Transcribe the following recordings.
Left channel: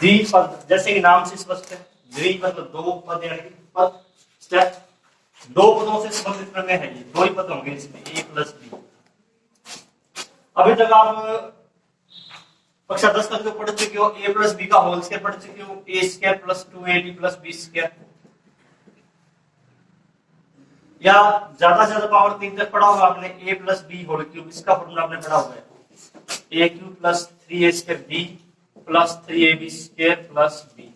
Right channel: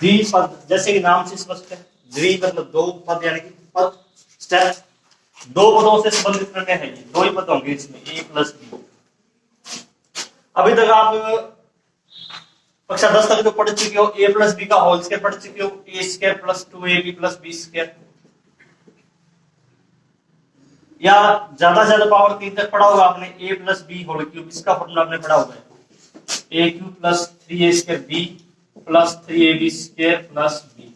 द्विपद, जैसे कि नाम से स्पष्ट है, द्वि मतलब दो पद, यानी कि पद स्टेप दो पदों से संबंधित प्रमेय है। ये दो ही पद होंगे इसमें, a प्लस बी। अभी तक आप कक्षा 10 तक जो पढ़ चुके हो, a प्लस बी का होल स्क्वायर पढ़ चुके हो, a square plus 2ab plus b square, या ज्यादा से ज्यादा पावर 3 तक पढ़ा होगा आपने, a plus b whole cube, इसका फॉर्मूला आपने पढ़ा हुआ है, a cube plus 3a square b plus 3ab square plus b।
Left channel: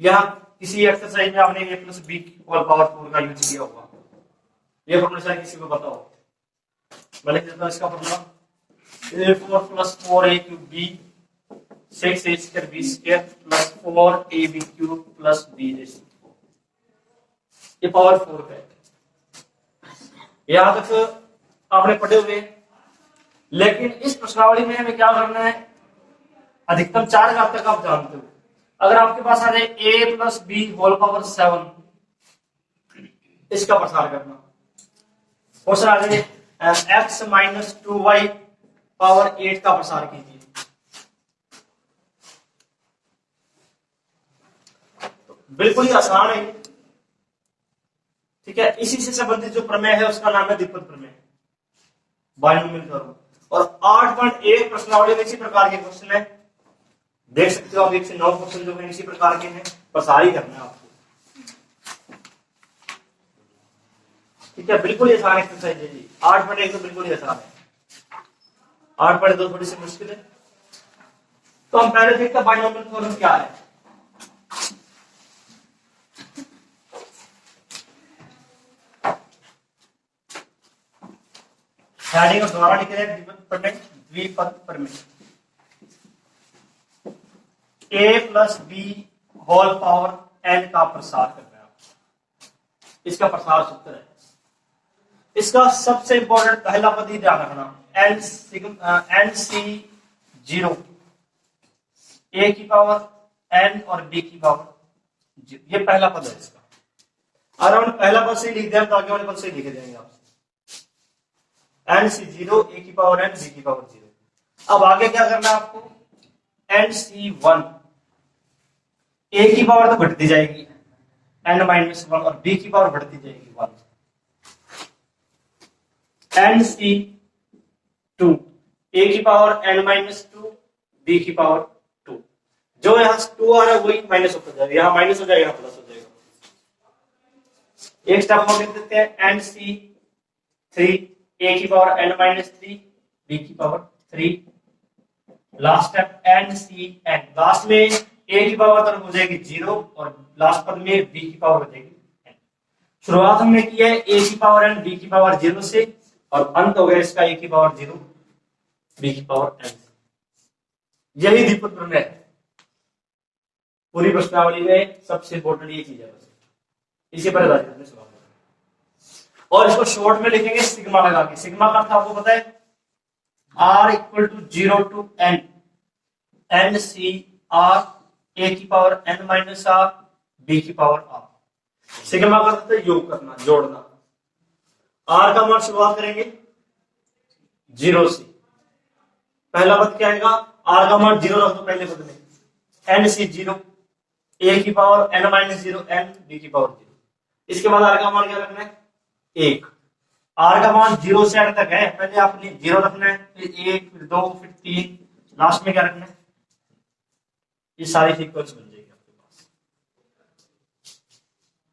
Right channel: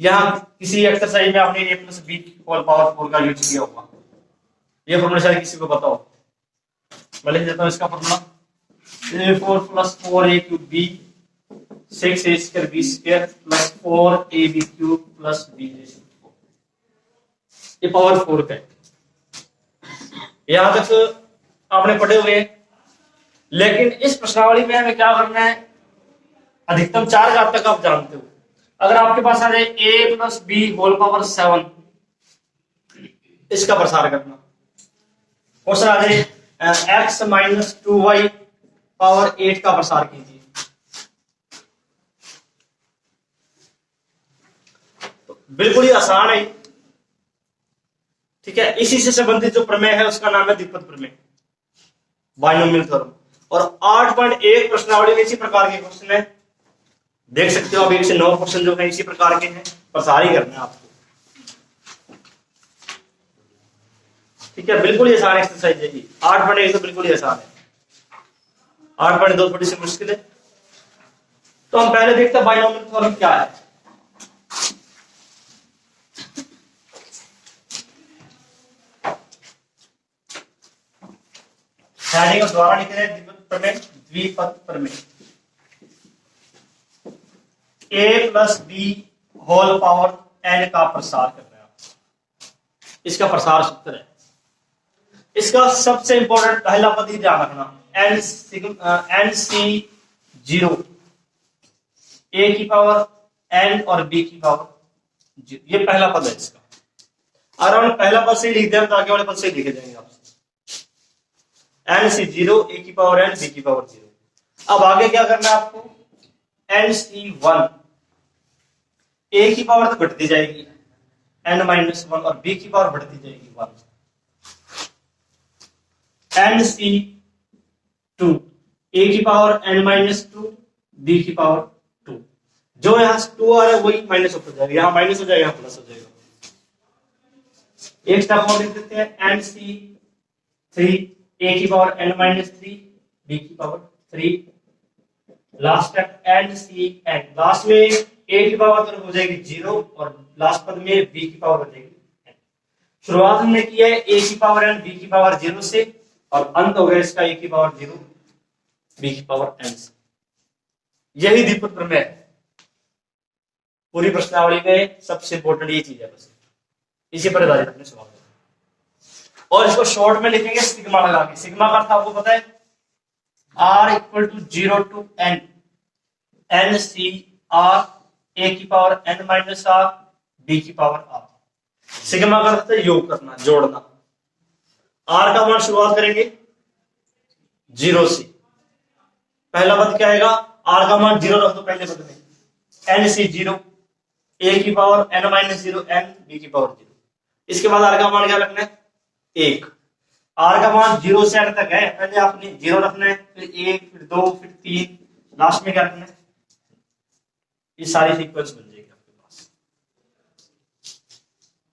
यहाँ किसी एक्सरसाइज में आपने a plus b whole power 4 का यूज किया होगा, ये फॉर्मूला शायद किसी को पता हो। मैं लिख देता हूँ इसका formula, a4 plus 4a cube b 6a square b square plus 4ab cube plus b, ये पावर 4 का है। यहां तक आपने पढ़े हुए, लेकिन इस प्रश्नावली में हमें क्या करना है, अधिकतम 4 घात तक आप जानते हो। अगर आपके पास आ जाए a plus b whole power 7, इसका प्रसार करना। क्वेश्चन आ जाए x माइनस 2y पावर 8 का प्रसार कीजिए। तो बिल्कुल ही आसान है, ठीक है। इसी से संबंधित जो प्रमेय है उसका नाम है द्विपद प्रमेय, बाइनोमियल थ्योरम। और 8.1 प्रश्नावली में इसी प्रकार के क्वेश्चन है, देख सकते हो आप 1 से 9 क्वेश्चन जो है इसी प्रकार के हैं, प्रसार ही करना है आपको, ठीक है। बिल्कुल ही आसान एक्सरसाइज है ये, 8.1 तो बिल्कुल ही आसान है, 8.2 थोड़ी सी मुश्किल है। तो हम पहले देखते हैं बाइनोमियल थ्योरम क्या है। हेडिंग और द्वारा लिखे हैं द्विपद प्रमेय, द्विपद प्रमेय। a plus b whole power n का प्रसार कर रहे हैं, इसका प्रसार सूत्र है। इसका सबसे इंपॉर्टेंट पहला पद ही ध्यान रखना, n c 0, a की पावर n और b की पावर 0, ये पहला पद है इसका। अगर हम पहला पद से लिख दें तो आगे वाले पद से लिखे जाएंगे आप, n c 0, a की पावर n, b की पावर 0। अब आगे क्या करना है आपको, n c 1, a की पावर तो बढ़ती जाएगी n माइनस 1 और b की पावर बढ़ती जाएगी 1, n c 2, a की पावर n माइनस 2, b की पावर 2। जो यहां 2 आ रहा है वही माइनस हो जाएगा, यहां माइनस हो जाएगा, यहां प्लस हो जाएगा। एक स्टेप और लिख देते हैं, n c 3, a की पावर n माइनस 3, b की power 3। Last step n c n, last में a की पावर तरफ हो जाएगी 0 और लास्ट पद में b की पावर हो जाएगी n। शुरुआत हमने की है a की पावर n, b की पावर 0 से, और अंत हो गया इसका a की पावर 0, b की पावर n से। यही द्विपद प्रमेय है, पूरी प्रश्नावली में सबसे इंपॉर्टेंट ये चीज है, बस इसी पर आधारित अपने सवाल। और इसको शॉर्ट में लिखेंगे सिग्मा लगा के। सिग्मा का अर्थ आपको पता है, r equal to 0 to n, n c r, a की power n minus r, b की पावर r। सिग्मा का अर्थ है योग करना, जोड़ना। r का मान शुरुआत करेंगे 0 से, पहला पद क्या आएगा, r का मान 0 रख दो पहले पद में, n c 0, a की power n minus 0 n, b की पावर 0। इसके बाद r का मान क्या रखना है, 1। r का मान 0 से n तक है, पहले आपने 0 रखना है, फिर 1, फिर 2, फिर 3, लास्ट में क्या रखना है, ये सारी सीक्वेंस बन जाएगी आपके पास।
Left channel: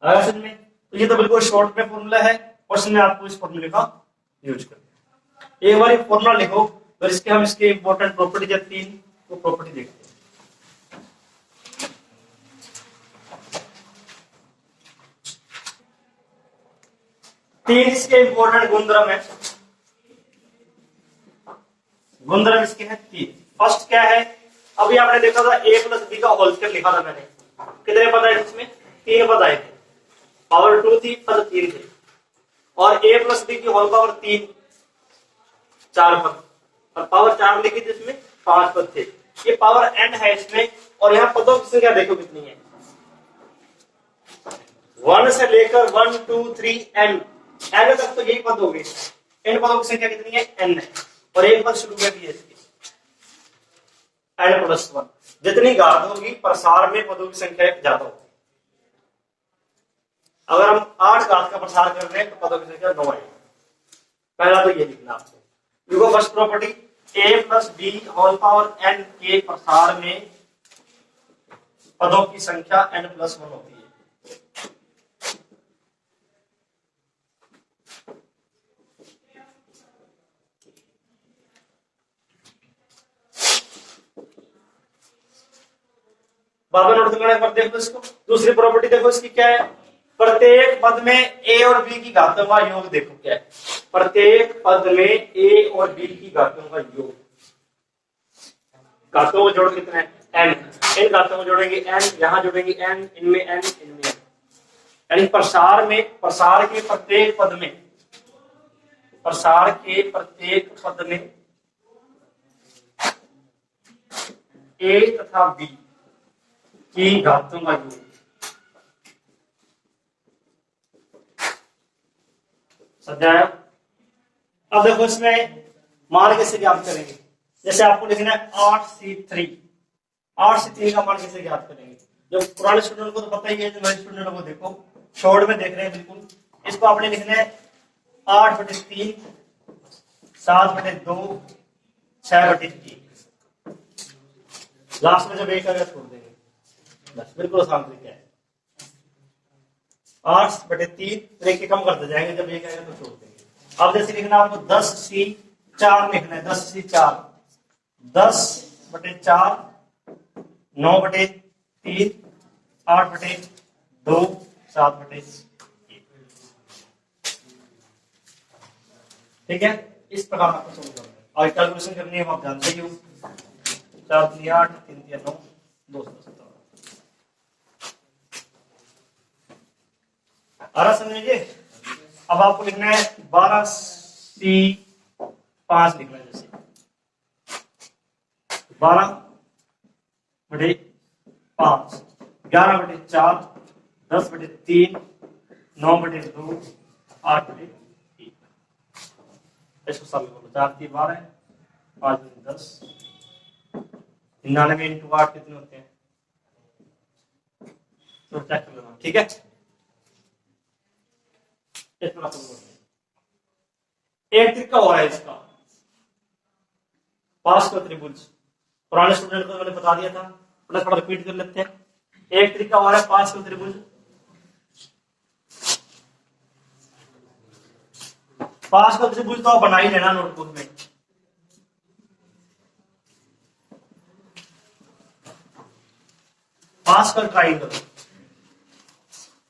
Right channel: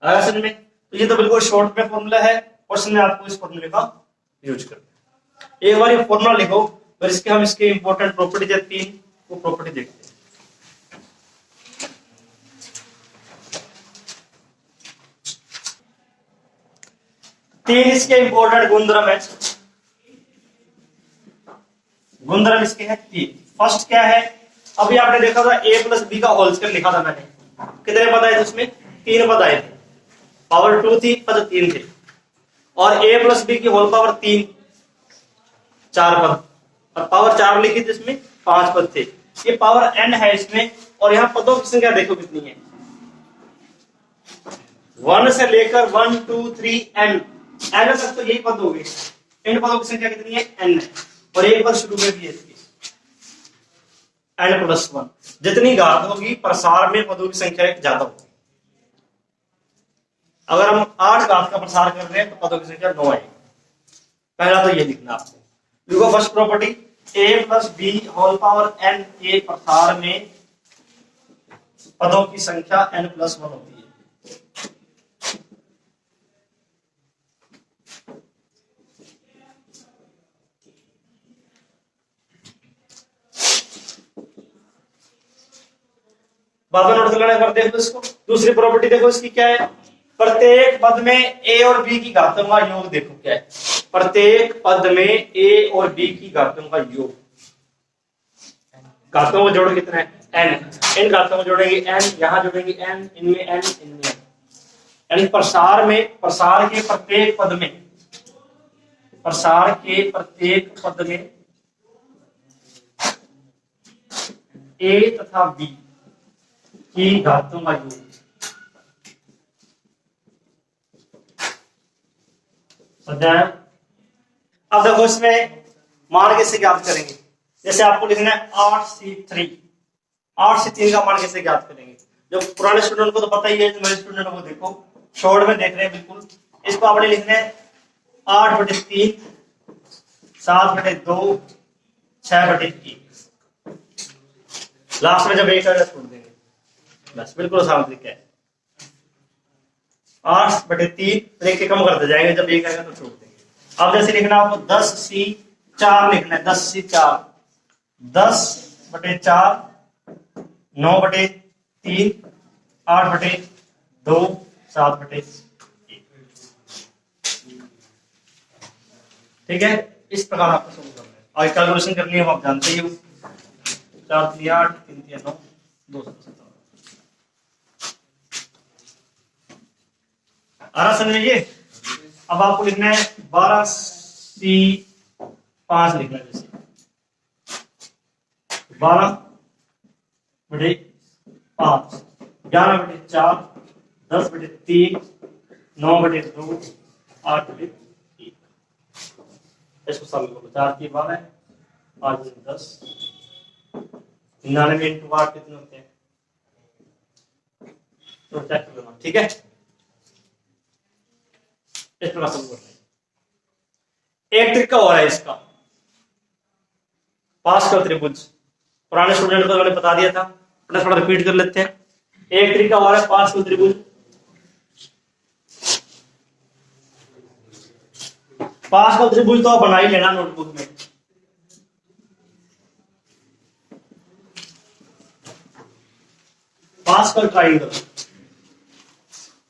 आया समझ में? तो ये तो बिल्कुल शॉर्ट में फॉर्मूला है, क्वेश्चन में आपको इस फॉर्मूले का यूज करना है। एक बार ये फॉर्मूला लिखो, फिर इसके हम इसके इंपॉर्टेंट प्रॉपर्टी है 3 वो प्रॉपर्टी देखते हैं। तीन इसके इंपॉर्टेंट गुणधर्म है, गुणधर्म इसके हैं 3। फर्स्ट क्या है, अभी आपने देखा था a प्लस बी का होल स्क्वायर लिखा था मैंने, कितने पद आए थे उसमें, 3 पद आए थे, पावर 2 थी, पद 3 थे। और a प्लस बी की होल पावर 3, 4 पद, और पावर 4 लिखी थी इसमें 5 पद थे। ये पावर n है इसमें, और यहाँ पदों की संख्या देखो कितनी है, 1 से लेकर 1 2 3 n तक तो यही पद हो गए। इन पदों की संख्या कितनी है, n है, और एक पद शुरू में भी है इसकी, n+1। जितनी घात होगी प्रसार में पदों की संख्या एक ज्यादा होगी। अगर हम 8 घात का प्रसार कर रहे हैं तो पदों की संख्या 9 आएगी। पहला तो ये लिखना आपको। देखो फर्स्ट प्रॉपर्टी a+b⁴ n के प्रसार में पदों की संख्या n+1 होती है। बात नोट कर लेना, देखो इसको। दूसरी प्रॉपर्टी देखो इसकी क्या है, प्रत्येक पद में a और b की घातों का योग देखो क्या है। प्रत्येक पद में a और b की घातों का योग, घातों को जोड़ कितना है n, इन घातों को जोड़ेंगे n, यहां जोड़ेंगे n, इनमें n, इनमें n। यानी प्रसार में, प्रसार के प्रत्येक पद में, प्रसार के प्रत्येक पद में a तथा b की घातों का योग। समझाया? अब देखो इसमें मान कैसे ज्ञात करेंगे। जैसे आपको लिखना है 8c3, 8c3 का मान कैसे ज्ञात करेंगे। जो पुराने स्टूडेंट को तो पता ही है, जो नए स्टूडेंट को देखो शॉर्ट में देख रहे हैं बिल्कुल। इसको आपने लिखना है 8/3, 7/2, 6/3। लास्ट में जब एक आएगा छोड़ देंगे, बस बिल्कुल आसान तरीका है। 8/3 एक के कम करते जाएंगे, जब एक आएगा तो छोड़ देंगे। अब जैसे लिखना आपको 10c4 लिखना है, 10c4, 10/4, 9/3, 8/2, 7/1। ठीक है, इस प्रकार आपको सोल्व करना है। और कैलकुलेशन करनी है, आप जानते ही हो। 4×3 = 8, 3×3 = 9, 217। आ रहा समझिए। अब आपको लिखना है 12c5 लिखना है। जैसे 12/5, 11/4, 10/3, 9/2, 8/3। इसको सब करो। 4×3 = 12, 5×3 = 10, 99 × 8 कितने होते हैं, तो चेक कर लेना। ठीक है, इस प्रकार सब करना है। एक तरीका हो रहा है इसका, पास्कल त्रिभुज। पुराने स्टूडेंट को मैंने बता दिया था, थोड़ा रिपीट कर लेते हैं। एक तरीका हो रहा है पास्कल त्रिभुज। पास्कल त्रिभुज तो आप बना ही लेना नोटबुक में। पास्कल ट्राइंगल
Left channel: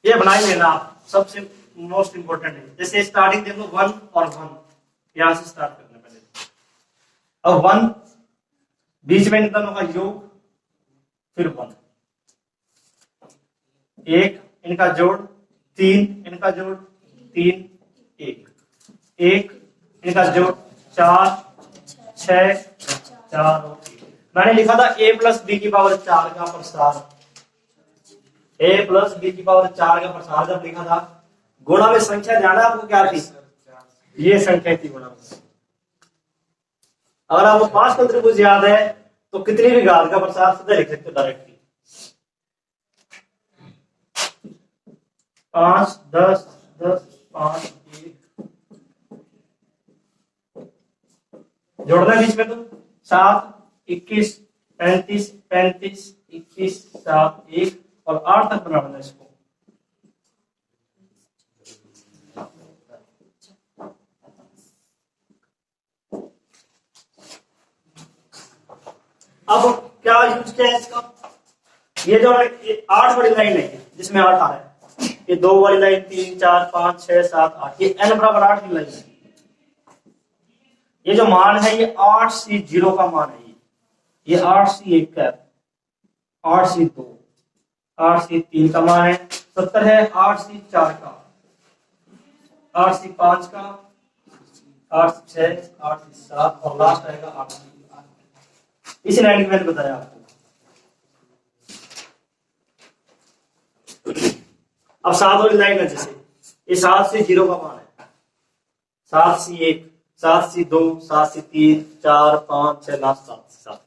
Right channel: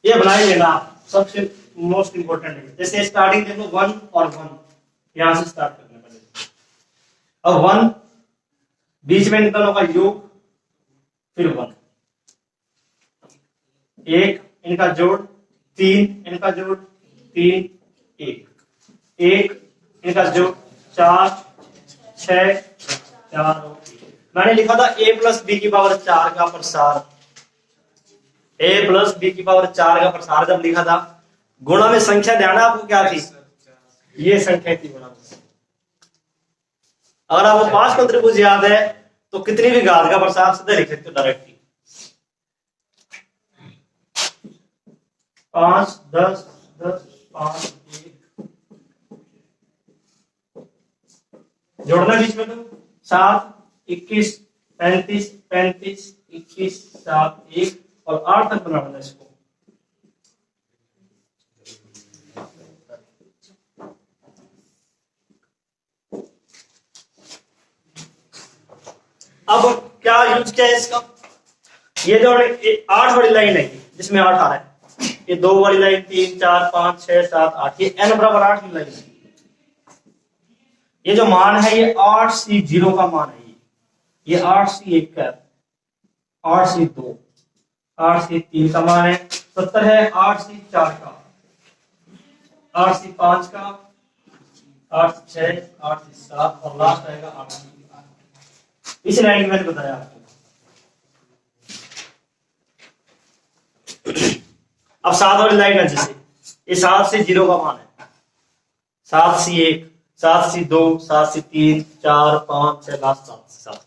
ये बना ही लेना, सबसे मोस्ट इंपोर्टेंट है। जैसे स्टार्टिंग देखो 1 और 1, यहां से स्टार्ट करना पहले। अब 1 बीच में इन दोनों का योग, फिर 1, 1 इनका जोड़, 3 इनका जोड़, 3, 1, 1 इनका जोड़, 4, 6, 4 और 1। मैंने लिखा था a+b⁴ का प्रसार, a+b⁴ का प्रसार जब लिखा था, गुणा में संख्या ध्यान है आपको क्या थी, ये संख्या थी गुणा में। अगर आपको पास्कल त्रिभुज याद है तो कितनी भी घात का प्रसार सीधे लिख सकते हो डायरेक्टली। 5, 10, 10, 5, 1 जोड़ना बीच में, तो 7, 21, 35, 35, 21, 7, 1 और 8 तक बनाना इसको। अब क्या यूज किया है इसका, ये जो 8 वाली लाइन है जिसमें 8 आ रहा है, ये 2 वाली लाइन, 3, 4, 5, 6, 7, 8, ये n = 8 की लाइन है। ये जो मान है ये 8c0 का मान है, ये 8c1 का, 8c2, 8c3 का मान है, 70 है 8c4 का, 8c5 का, 8c6, 8c7 और लास्ट आएगा 8c8। इस लाइन में मैंने बताया आपको। अब 7 वाली लाइन है, जैसे ये 7c0 का मान है, 7c1, 7c2, 7c3, 4, 5, 6, last 7c7।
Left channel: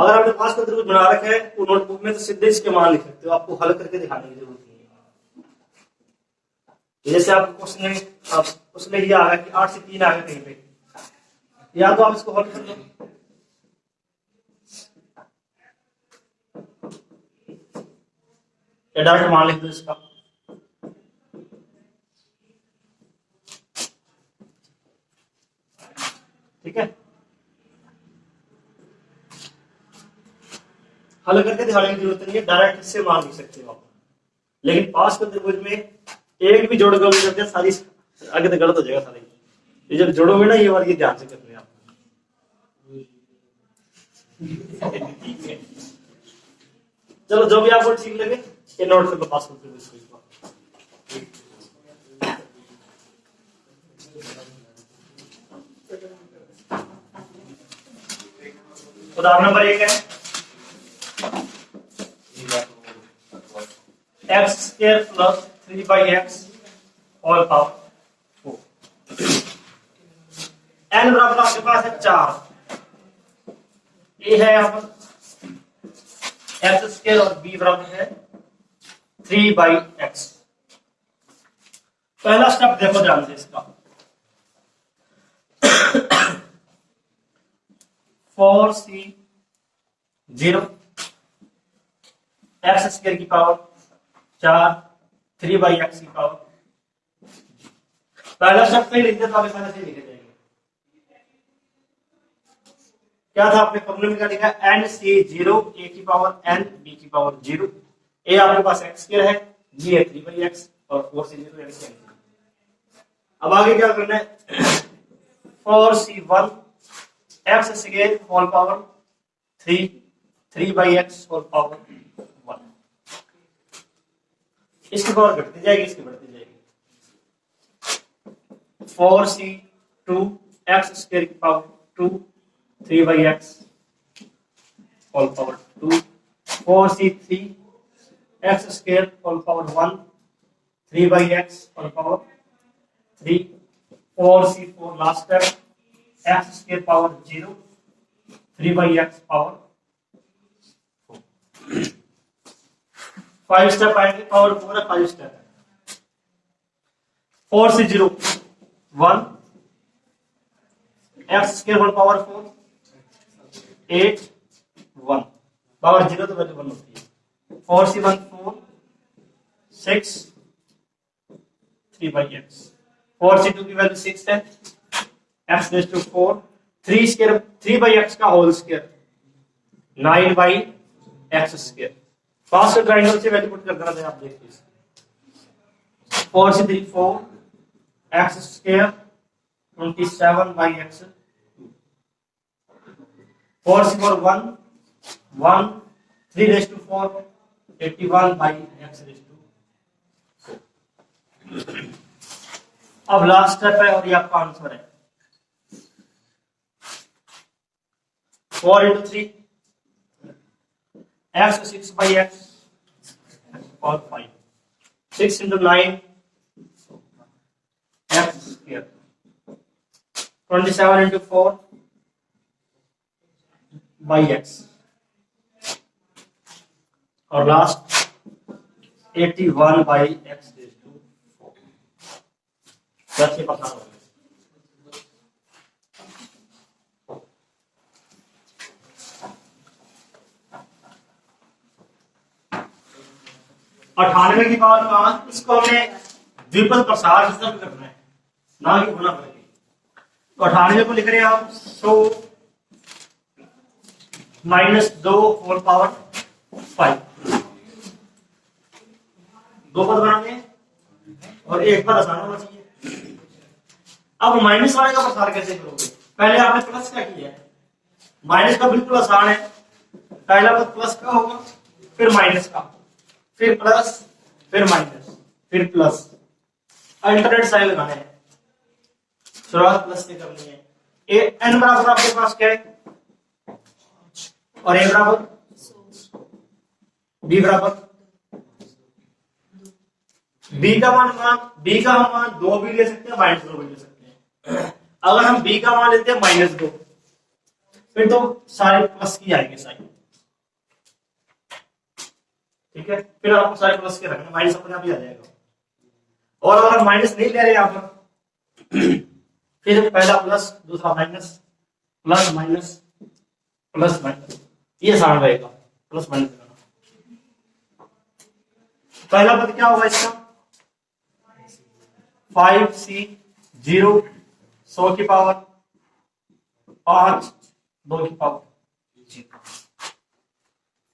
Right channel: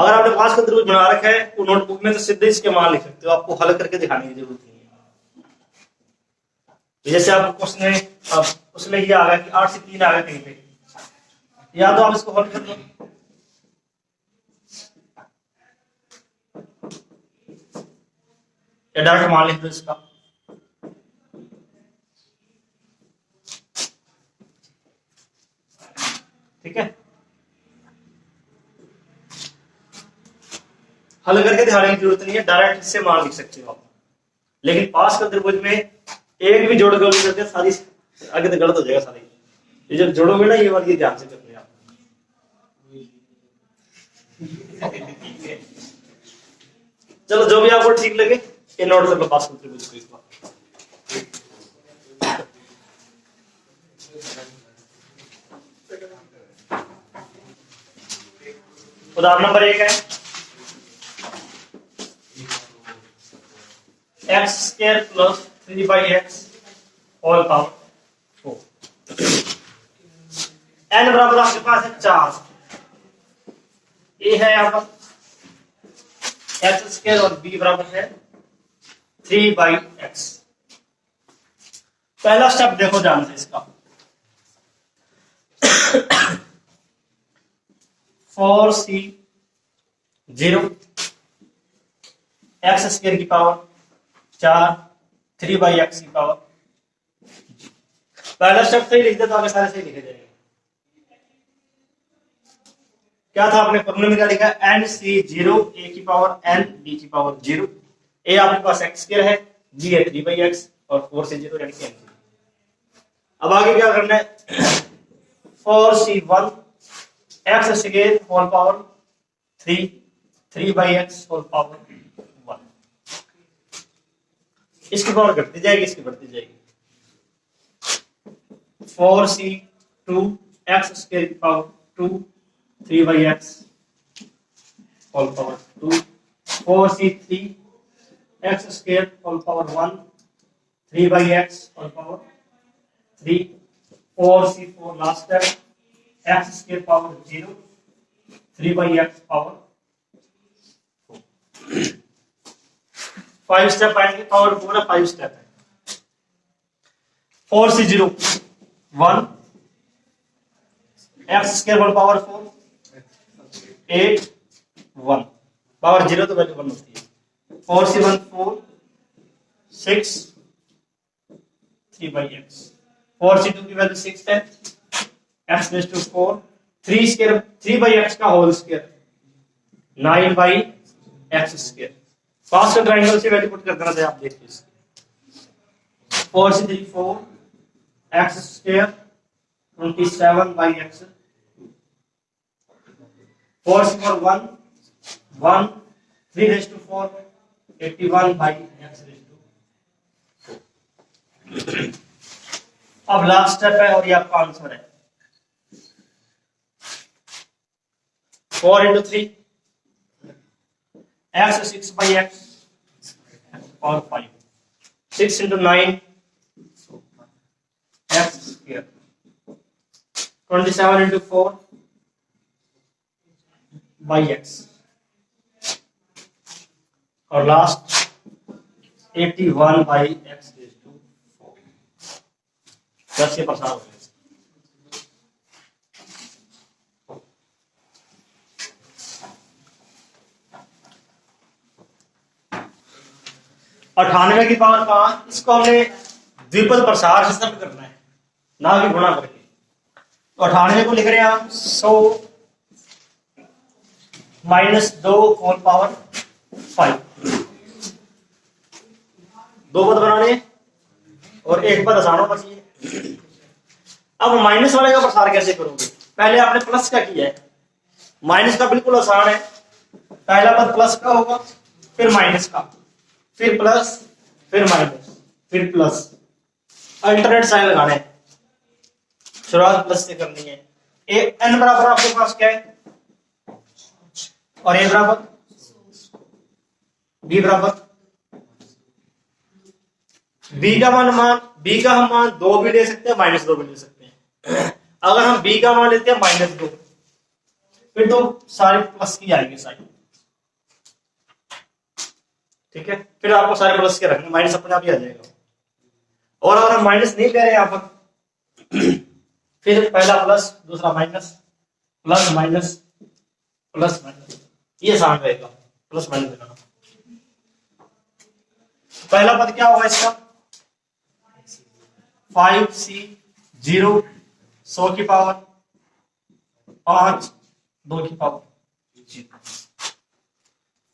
अगर आपने पास का त्रिभुज बना रखा है वो नोटबुक में तो सीधे इसके मान लिख सकते हो, आपको हल करके दिखाने की जरूरत नहीं है। जैसे आप क्वेश्चन में अब उसमें ये आ गया कि 8 से 3 आ गया कहीं पे, या तो आप इसको हल कर लो, या डायरेक्ट मान लिख दो इसका। ठीक है, हल करके दिखाने की जरूरत नहीं है, डायरेक्ट इससे मान लिख सकते हो आप। लेकिन पास का त्रिभुज में एक भी जोड़ गलत करते सारी आगे तो गलत हो जाएगा सारी। ये जब जोड़ोगे ना ये वाली ध्यान से करने आप। चलो जो भी आपको ठीक लगे ये नोट कर लो पास का त्रिभुज को इस बार। उदाहरण नंबर 1 है x square plus 3/x whole power 4। n बराबर आपके पास है 4, a है यहाँ पर x स्क्वायर और b बराबर है 3/x। पहला स्टेप देखो ध्यान से इसका, 4c0 x स्क्वायर की पावर 4 3/x की पावर। पहला स्टेप सही लिख दे तो आगे सारे सही लिखे जाएंगे। क्या था आपने फॉर्मूले में क्या लिखा है, n c0 a की पावर n b की पावर 0। a आपके पास x स्क्वायर है, b है 3/x और 4 से 0 यानी कि n। अब आगे क्या करना है, 4c1 x square whole power 3 3/x whole power 1। इसकी पावर घटती जाएगी, इसकी बढ़ती जाएगी। 4c2 x स्क्वायर की power 2 3/x whole power 2। 4c3 x square whole power 1 3/x whole power 3। 4c4 last step x square power 0 3/x power 4। 5 step आएंगे, power पूरा 5 step है। 4c0 1 x square whole power 4 8 1 power 0 तो value 1 होती है। 4c1 4 6 3/x। 4c2 की value 6 है, x rays to 4 3 square 3/x का whole square 9/x square. पास के ट्रायंगल से वैल्यू पुट कर देना चाहिए, आप देखिए इसकी। 4c3 4 x square 27/x। 4c4 1 1 3 raise to 4 81/x raise to 4। अब लास्ट स्टेप है और ये आपका आंसर है। 4 into 3 x 6/x और 5 6 into 9 x square 27 into 4 by x और लास्ट 81/x रेज़ टू 4। कैसे पसार हो गया। 98 की पावर 5, इसको हमने द्विपद प्रसार सिस्टम करना है, ना कि गुणा करके। तो 98 को लिख रहे हैं हम 100 -2 होल पावर 5। दो पद बनाने और एक पद आसान होना चाहिए। अब माइनस वाले का प्रसार कैसे करोगे, पहले आपने प्लस का किया है, माइनस का बिल्कुल आसान है। पहला पद प्लस का होगा, फिर माइनस का, फिर प्लस, फिर माइनस, फिर प्लस। अल्टरनेट साइन लगाना है, शुरुआत प्लस से करनी है। एन बराबर आपके पास क्या है और ए बराबर बी बराबर। बी का हम मान 2 भी ले सकते हैं, -2 भी ले सकते हैं। अगर हम बी का मान लेते हैं -2, फिर तो सारे प्लस की आएंगे साइन, ठीक है। फिर आपको सारे प्लस के रखने, माइनस अपने आप ही आ जाएगा। और अगर हम माइनस नहीं ले रहे यहाँ पर फिर पहला प्लस दूसरा minus, plus minus plus minus, ये आसान रहेगा प्लस माइनस लगाना। पहला पद क्या होगा इसका 5c 0 100 की पावर 5 2 की पावर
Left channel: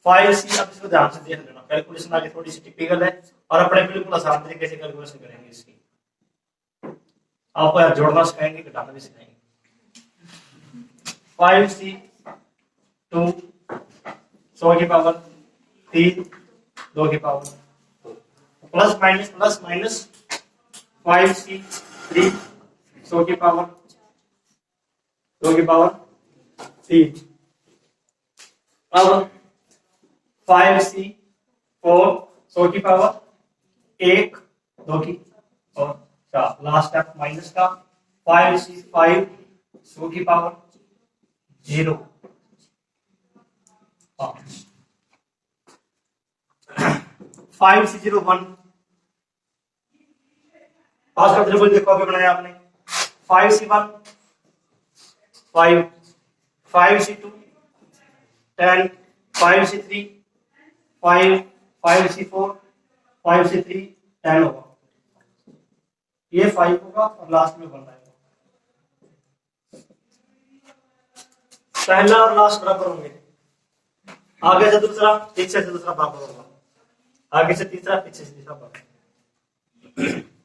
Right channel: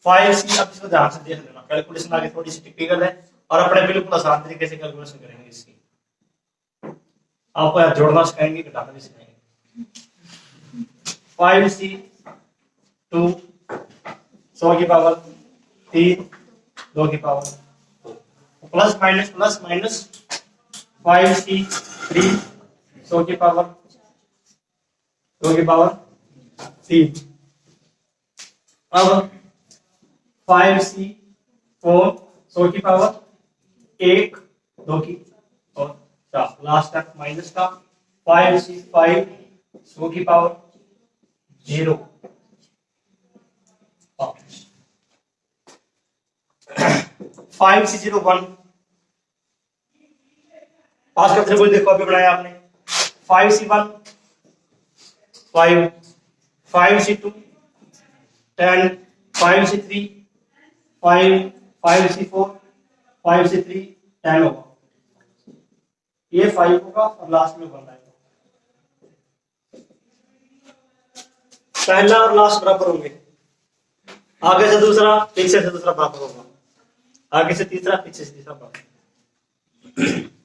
5c। अब इसको ध्यान से देख लेना, कैलकुलेशन आगे थोड़ी सी टिपिकल है और अपने बिल्कुल आसान तरीके से कैलकुलेशन करेंगे इसकी। आपको यार जोड़ना सिखाएंगे, घटाना भी सिखाएंगे। 5c 2 100 की पावर 3 2 की पावर प्लस माइनस 5c 3 100 की पावर 2 की पावर 3। अब 5c 4 100 की पावर 1 2 की और 4। लास्ट स्टेप माइनस का 5c 5 100 की पावर 0 5c 0 1 पास का त्रिभुज देखो अभी बनाया आपने 5c 1 5 5c 2 10 5c 3 5 5c 4 5c 3 10 होगा, ये 5 होगा और लास्ट में 1 आएगा। पहला और लास्ट बराबर होंगे, आगे से दूसरा पीछे से दूसरा बराबर होगा, आगे से तीसरा पीछे से तीसरा बराबर।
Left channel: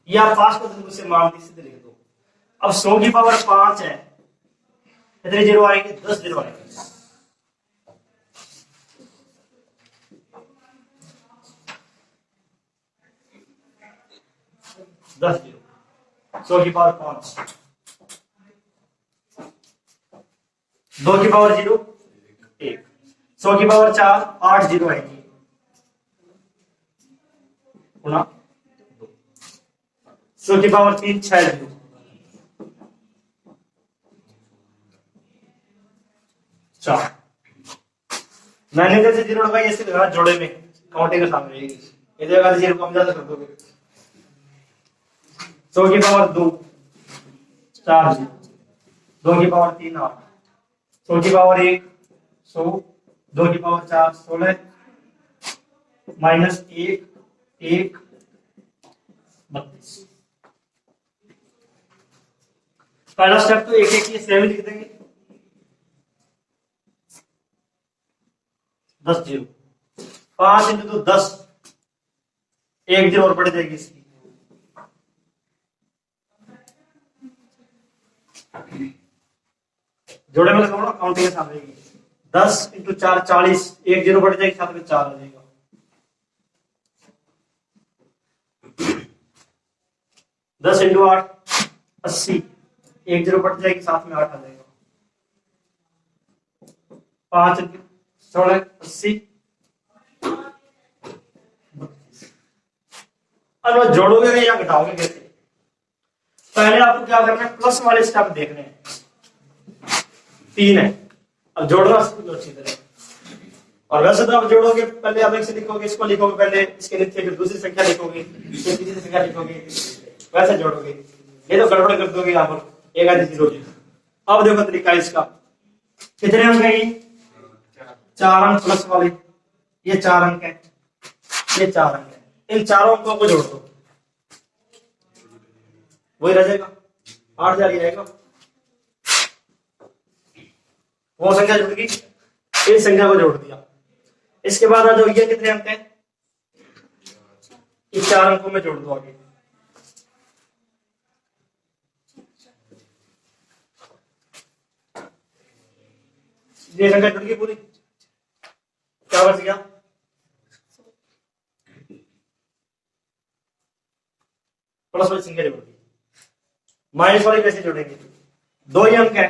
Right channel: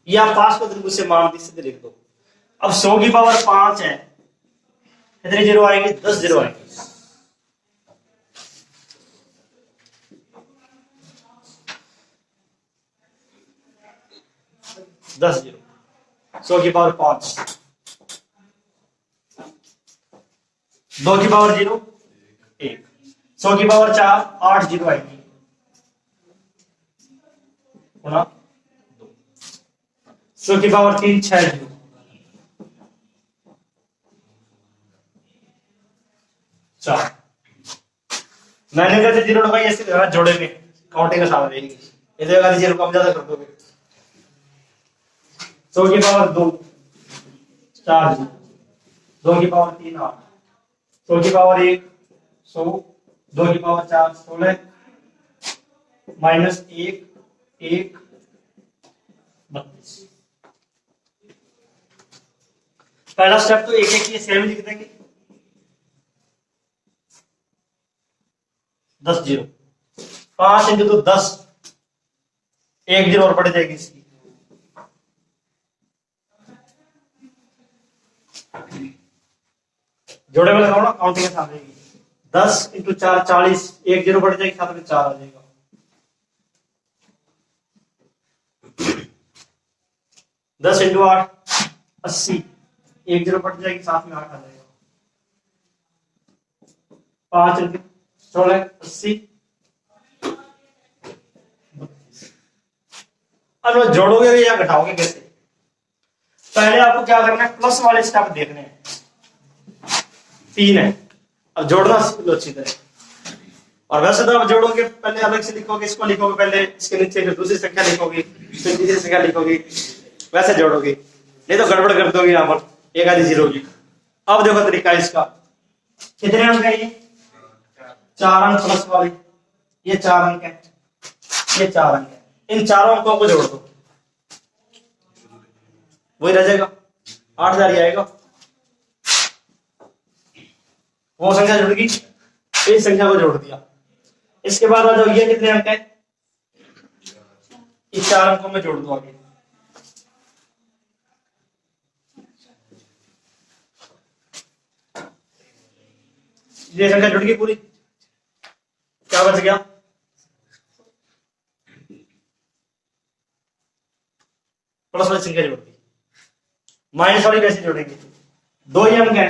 या पास को त्रिभुज से मान सीधे लिख दो। अब 100 की पावर 5 है, कितने जीरो आएंगे 10 जीरो आएंगे। दस जीरो 100 की पावर 5 2 की पावर 0 1 100 की पावर 4 8 जीरो आएंगी गुना 100 की पावर 3 6 जीरो 4। मैंने जैसे जीरो लगाई ऐसे लगा जोड़े में काउंटिंग आसान रहेगी, इसे अगर जीरो कम ज्यादा कर दोगे 100 की पावर 2 4 जीरो 2 की पावर 3 8 100 की पावर 1 100 2 की पावर 4 16 माइनस 1 1 32। पहला स्टेप तो एक एक सेम लिख देंगे 10 जीरो 5 इंटू तो 10 एक जीरो और बढ़ जाएगी इसकी, जोड़े में लगाओ ना काउंटिंग के सामने 10 इंटू 4 40 एक जीरो बढ़ जाएगी साथ में 4 आ जाएगा। 10 इंटू 8 80 एक जीरो बढ़ जाएगी साथ में 8 आ जाएगा। 5 इंटू 16 80। अब जोड़ोगे या घटाओगे कैसे? पहले आपको क्या करना है, प्लस वाले स्टेप देखने हैं, 3 है। अब जोड़ना अच्छी तरह, और वैसे तो आप जोड़ोगे पहले अलग से लिखोगे, इसको लिखोगे पहले, इसके नीचे फिर दूसरी संख्या लिखोगे, फिर तीसरी संख्या लिखोगे, वैसे जोड़ोगे, नहीं तो गड़बड़ कर दोगे यहाँ पर एक आधी जीरो की। अब देखो तरीका इसका, कितने अंक है ये 4 अंक प्लस वाले, ये 4 अंक है, ये 4 अंक है, इन चारों अंकों को जोड़ दो, वही रह जाएगा 8000 ही आएगा। वो संख्या जुड़ गई, इस संख्या को जोड़ दिया। इसके बाद आ जाओ, ये कितने अंक है, इस 4 अंकों में जोड़ दो आगे, ये संख्या जुड़ गई पूरी, क्या बच गया प्लस वाली संख्या जोड़ दी। माइनस वाली कैसे जोड़ेंगे, 2 ही अंक है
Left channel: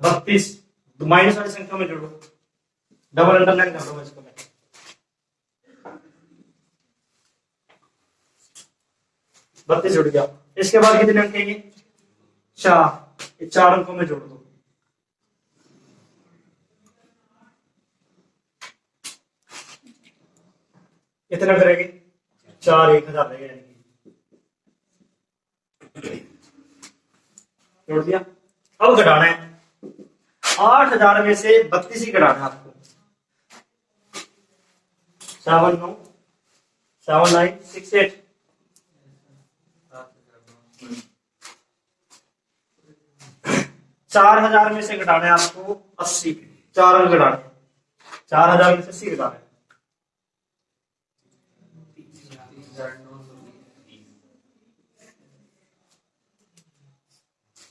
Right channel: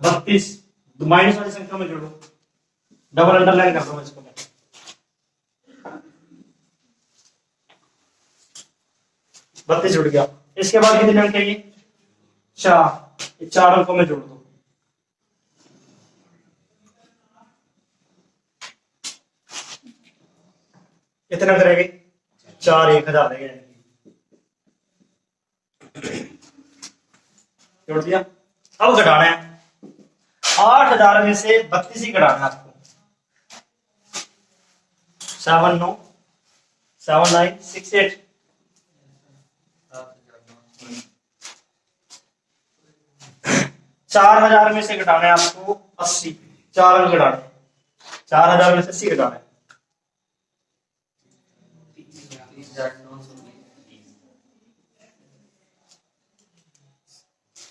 32, माइनस वाली संख्या में जोड़ो, डबल अंडरलाइन कर दो इसको मैं, बत्तीस जुड़ गया। इसके बाद कितने अंक है ये 4, 4 अंकों में जोड़ दो, कितना करेंगे 4 1000 रहेगा, जोड़ दिया। अब घटाना है 8000 में से 32 ही घटाना है आपको। 7 9 7 9 6 8 4000 में से घटाना है आपको 80, 4 अंक घटाने, 4000 में से 80 घटाना है।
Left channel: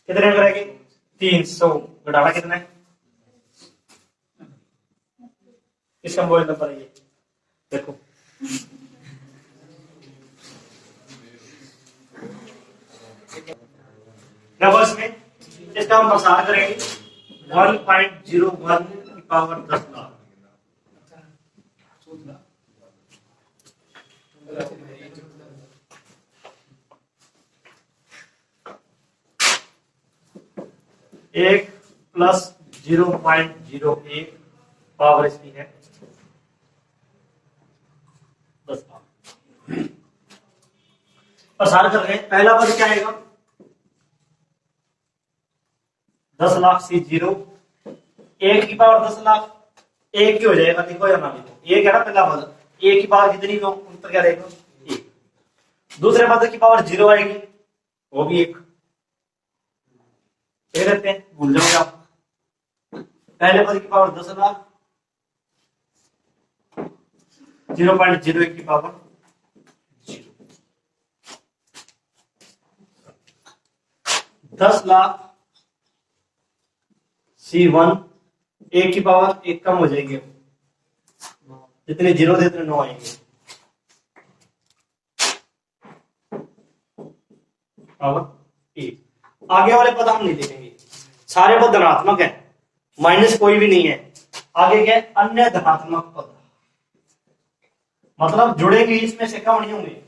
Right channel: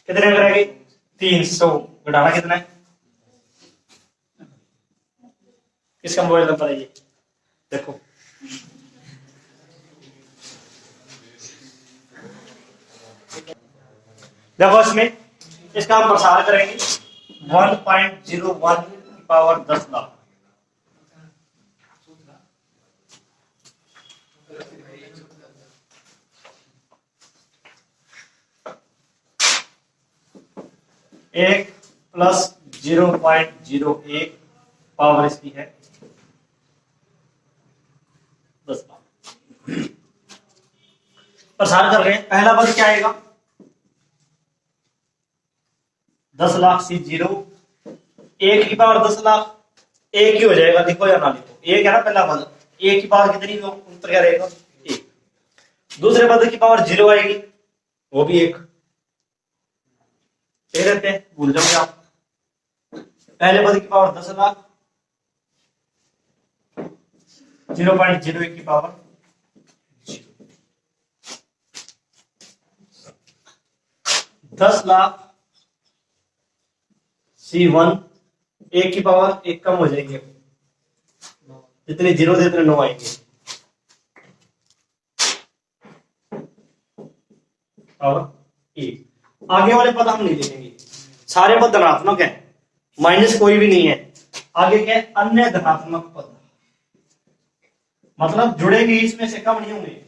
कितने अंक रहेंगे 300, घटाना कितना है, किसका मोबाइल नंबर है ये देखो, देखो इसमें इसका हम प्रसार करेंगे 1.01 की पावर 10 लाख। एक प्लस 0.01 पावर इसकी है 10 लाख। प्रसार कर रहे हैं, पहला पद क्या आएगा 10 लाख से 0, 1 की पावर 10 लाख, 1 ही हो जाएगा, लिखो या ना लिखो, 1 है ना पहला पद, 1 की पावर कितनी हो, उत्तर क्या रहेगा 1। दूसरे पद की पावर 0 आएगी, वो भी 1 देते हैं, भूल जाओगे आप। पहले पद की पावर 10 लाख, 0.01 की पावर 10 लाख C1, 1 की पावर 1 कम हो जाएगी, जितने 0 थे उतने 9 आएंगे, पावर 1। आगे वाले पद हम नहीं लिखेंगे, सारे पद धनात्मक है, माइनस कोई भी नहीं है। आगे क्या है, अन्य धनात्मक पद, मतलब जुड़ेंगे इसमें से कम नहीं होंगे।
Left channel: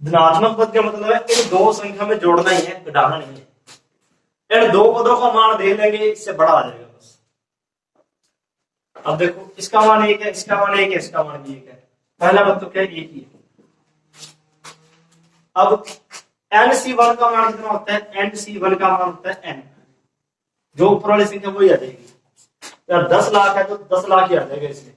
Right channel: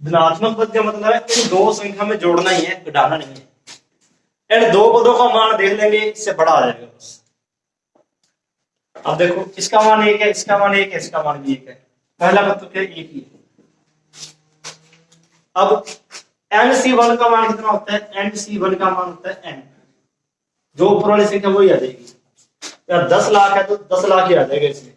धनात्मक पद का मतलब है इन दो संख्या में जोड़ना ही है, घटाना नहीं है। इन दो पदों का मान देख लेंगे, इससे बड़ा आ जाएगा बस। अब देखो इसका मान 1 है, इसका मान 1 है, इसका मान भी 1 है, पहला पद तो क्या 1 ही है। अब NC1 का मान कितना होता है, NC1 का मान होता है n, जो ऊपर वाली संख्या वही आ जाएगी। या 10 लाख है तो 10 लाख ही आ जाएगा इसमें।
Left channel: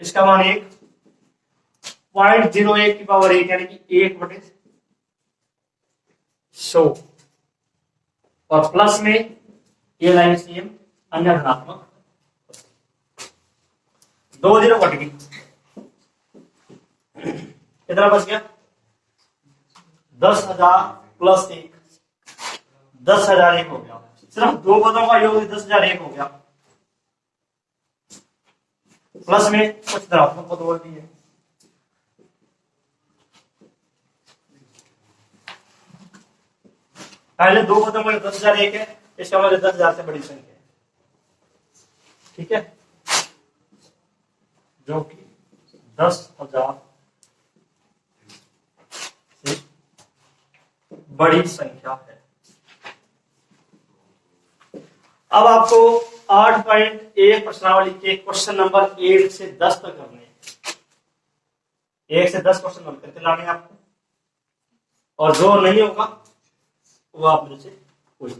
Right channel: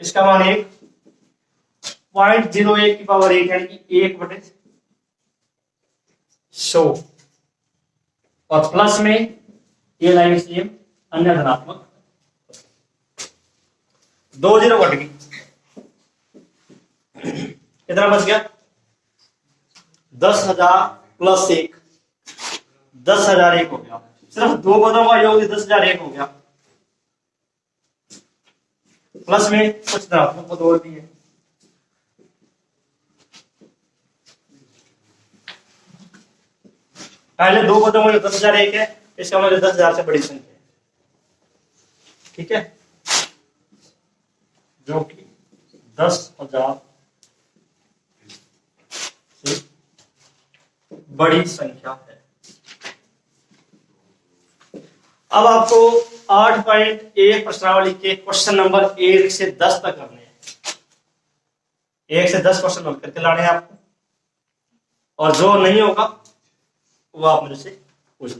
इसका मान 1.01 की पावर 1 यानी कि 1/100, और प्लस में ये लाइन सेम अन्य धनात्मक, 2 0 घट गई, कितना बच गया 10,000 प्लस 1, 10,001 हो गया। सिर्फ दो पदों का योग 10,001 हो गया, प्लस में कुछ धनात्मक पद और भी है। पहले दो पदों में 10,001 है, इसका मतलब 10,000 से बड़ी संख्या है, ठीक है, जो कि 10,000 से बड़ी संख्या है। अब आपको 8.1 प्रश्नावली के क्वेश्चन नंबर 1 से 10 तक करने हैं। 1 से 10 क्वेश्चन नंबर करके लाने हैं आपको, और जो नहीं होगा वो आप मेरे से पूछ